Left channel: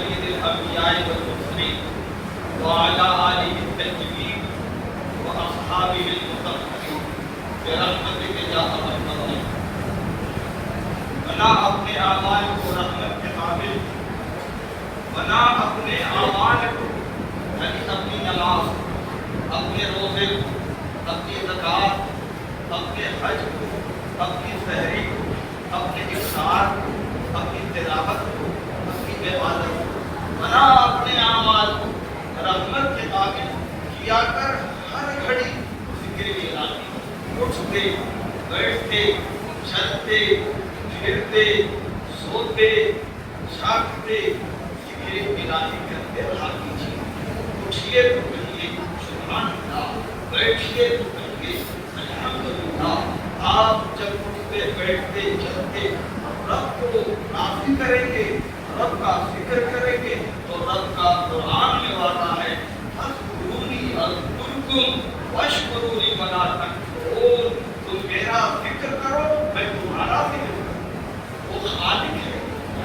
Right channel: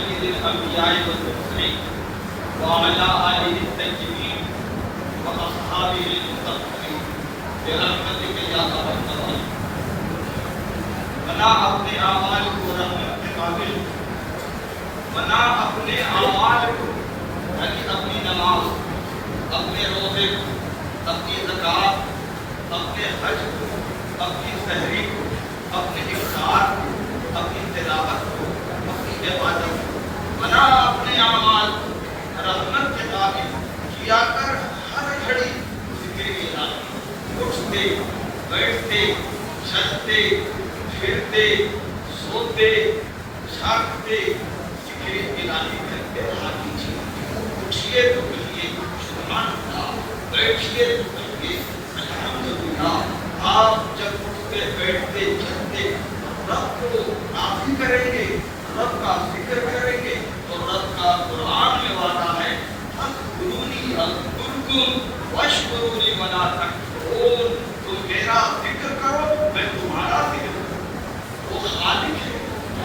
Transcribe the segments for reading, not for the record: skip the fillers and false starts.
سيد الأنبياء والمرسلين وعلى آله الطيبين وأصحابه المطهرين برحمتك يا أرحم الراحمين. بنا اپنے اعمال کو رحمت کے قابل، بنا اپنے اعمال کو یعنی اپنی نماز، اپنے روزے، اپنی زکوٰۃ، اپنے حج کو، اپنی سحری کو، اپنے افطار کو، اپنی تلاوت کو، اپنی عبادت کو، بنا اپنے اعمال کو رحمت کے قابل کیا کر ہر گھڑی ذکر الہی، اٹھتے بیٹھتے چلتے پھرتے سوتے جاگتے ذکر الہی کرتے رہا کیجیے. اٹھیے تو کہیے سبحان اللہ، بیٹھیے تو کہیے الحمدللہ. آپ جب اٹھتے بیٹھتے چلتے رب کو راضی کریں گے، رب کا ذکر کریں گے تو رب کا قرآن میں وعدہ ہے فاذکرونی اذکرکم واشکروا لی ولا تکفرون. تم میرا ذکر کرو میں تمہارا ذکر کروں. وہ خالق ہے،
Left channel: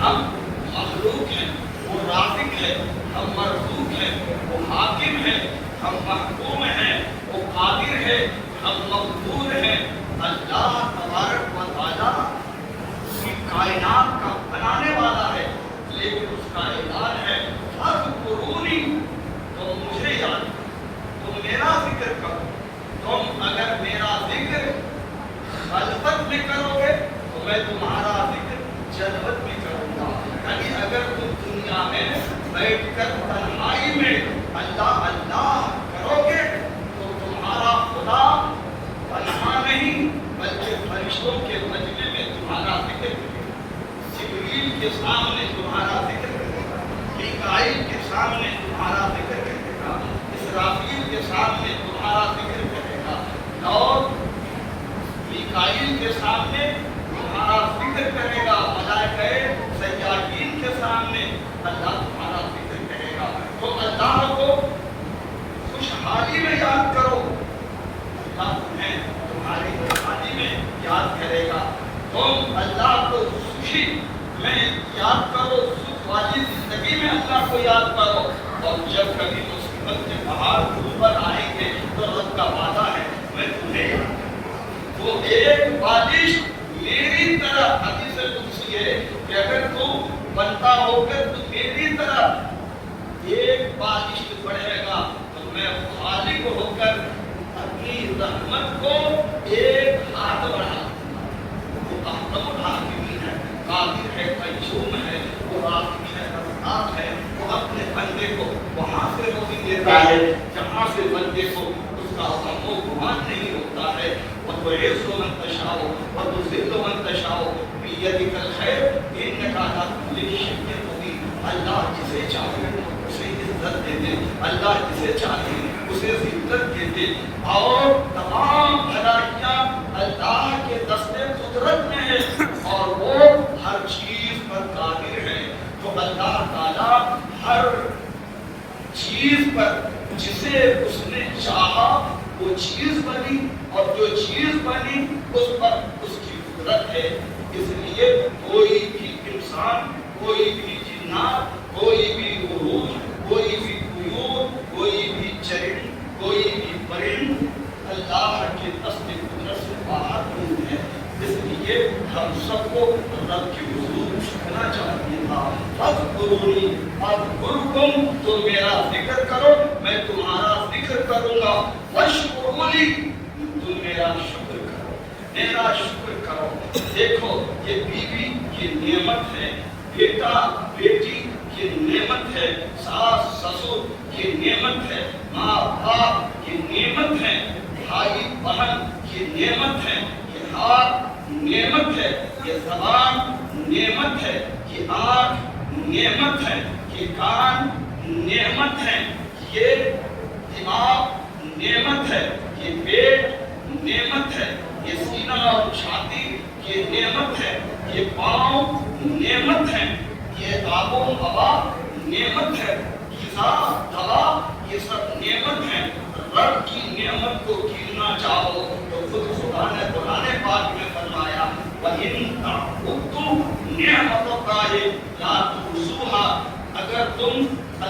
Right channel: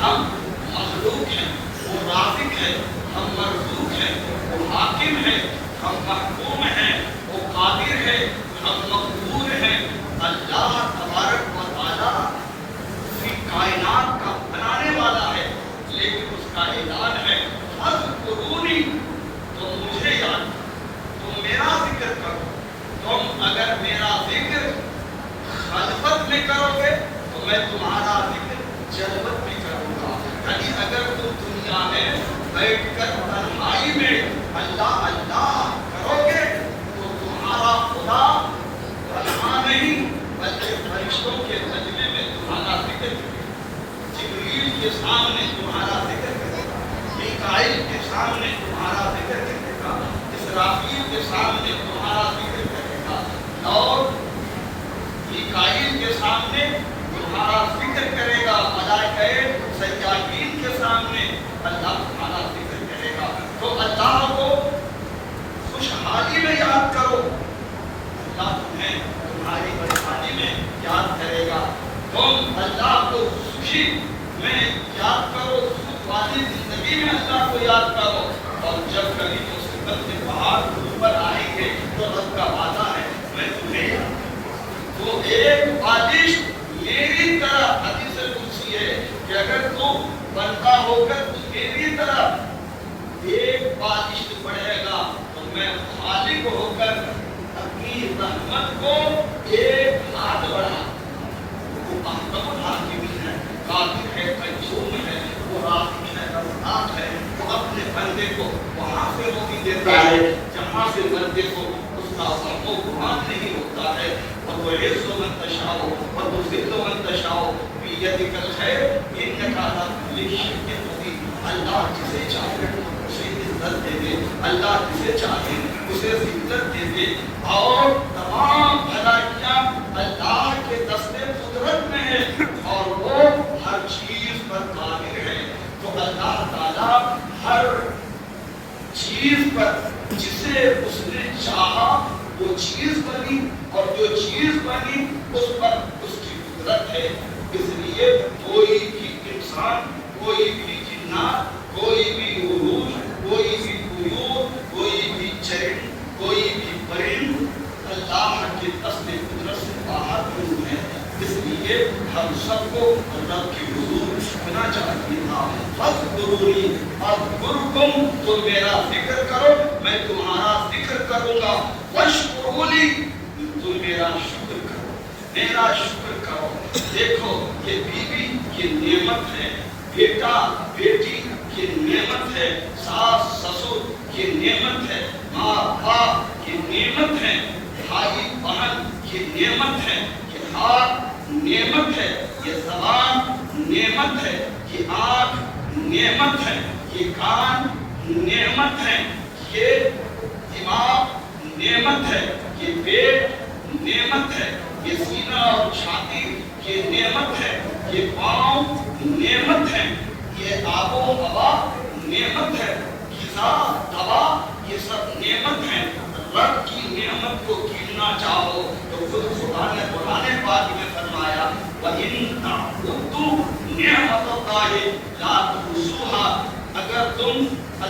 ہم مخلوق ہیں. وہ رازق ہے، ہم مرزوق ہیں. وہ حاکم ہے، ہم محکوم ہیں. وہ قادر ہے، ہم مقدور ہیں. اللہ تبارک و تعالیٰ اسی کائنات کا بنانے والا ہے، لیکن اس کا اعلان ہے فاذکرونی، تم مجھے یاد کرو، تم میرا ذکر کرو. تم اگر میرا ذکر خلوت میں کرو گے تو میں تمہارا ذکر جلوت میں کروں گا. یعنی اگر تم دنیا میں بیٹھ کر تنہائی میں اللہ اللہ کرو گے تو تمہارا خدا تنہا نہیں بلکہ فرشتوں کے مجمع میں تمہارا ذکر کرے گا. جبریل کے سامنے تمہارا ذکر کرے گا، میکائیل کے سامنے تمہارا ذکر کرے گا، اسرافیل کے سامنے تمہارا ذکر کرے گا، اور میکائیل کے سامنے تمہارا ذکر کرے گا، ملائکہ سیاحین کے سامنے اللہ تمہارا ذکر کرے گا. تو اللہ کو خوشحالی میں یاد کرو، اللہ تمہیں تمہاری خوشحالی میں یاد کرے گا. تم اللہ کو خوشی میں یاد کرو، سکھ والی زندگی میں اللہ کو یاد کرو. اور جب کبھی مصیبت کے پہاڑ اوپر آئیں گے تو رب کا وعدہ ہے میں تمہیں وہ ایک بارش میری طرح، حدیث قدسی ہے کہ اگر تم بندہ ہو کر تو میری طرح ایک بارش پڑے گا تو میں خالق ہو کر اپنی رحمت کو ایک ہاتھ بڑھا. وہ احکم الحاکمین ہے، قادر ہے، قیوم ہے، وہ رازق ہے، رزاق ہے. وہ اپنے بندے کو وہاں سے روزی دیتا ہے جہاں سے بندے کو اس کا غم و گمان نہیں ہوتا ہے. وَتُعِزُّ مَن تَشَاءُ وَتُذِلُّ مَن تَشَاءُ بِيَدِكَ الْخَيْرُ إِنَّكَ عَلَىٰ كُلِّ شَيْءٍ قَدِيرٌ. اللہ جسے چاہے اسے عزت دے دے، اللہ جسے چاہے اسے ذلت دے دے. اور تمام بھلائیاں اللہ کے دست قدرت میں ہیں اور وہ ہر چیز پر قادر ہے. تو اللہ تعالیٰ ہر چیز پر جسے اس نے چاہا وہ چیز بنی، اور جو چیز بنی اس پر اس کی قدرت ہے. اس لیے کوئی بھی انسان، کوئی بھی جنات، کوئی بھی عروج، کوئی بھی طیور، کوئی بھی چرند، کوئی بھی پرند اللہ کے دست قدرت سے باہر نہیں ہے. اس لیے ہم سب کو رب کی حضور جھکنا چاہیے تھا. فاذکرونی اذکرکم، تم میرا ذکر کرو میں تمہارا ذکر کروں گا. واشکروا لی، تم میرا شکر کرو، میرا شکر کرو. دیکھو یہ بیوی کی نعمت ہے، بیٹا بیٹی کی نعمت ہے، ساس سسر کی نعمت ہے، ماں باپ کی نعمت ہے، بھائی بہن کی نعمت ہے، یہ ہاتھ نعمت ہے، یہ زبان نعمت ہے، یہ آنکھ نعمت ہے، یہ کان نعمت ہے، یہ دماغ نعمت ہے، یہ پیٹ نعمت ہے، یہ سینہ اور چھاتی یہ نعمت ہے، یہ پاؤں نعمت ہے، یہ آب و ہوا نعمت ہے، غذا دوا یہ سب نعمت ہے. رب کی نعمت کو گننا چاہو تو خود خدا نے قرآن پاک میں فرمایا وَإِن تَعُدُّوا نِعْمَتَ اللَّهِ لَا تُحْصُوهَا، اگر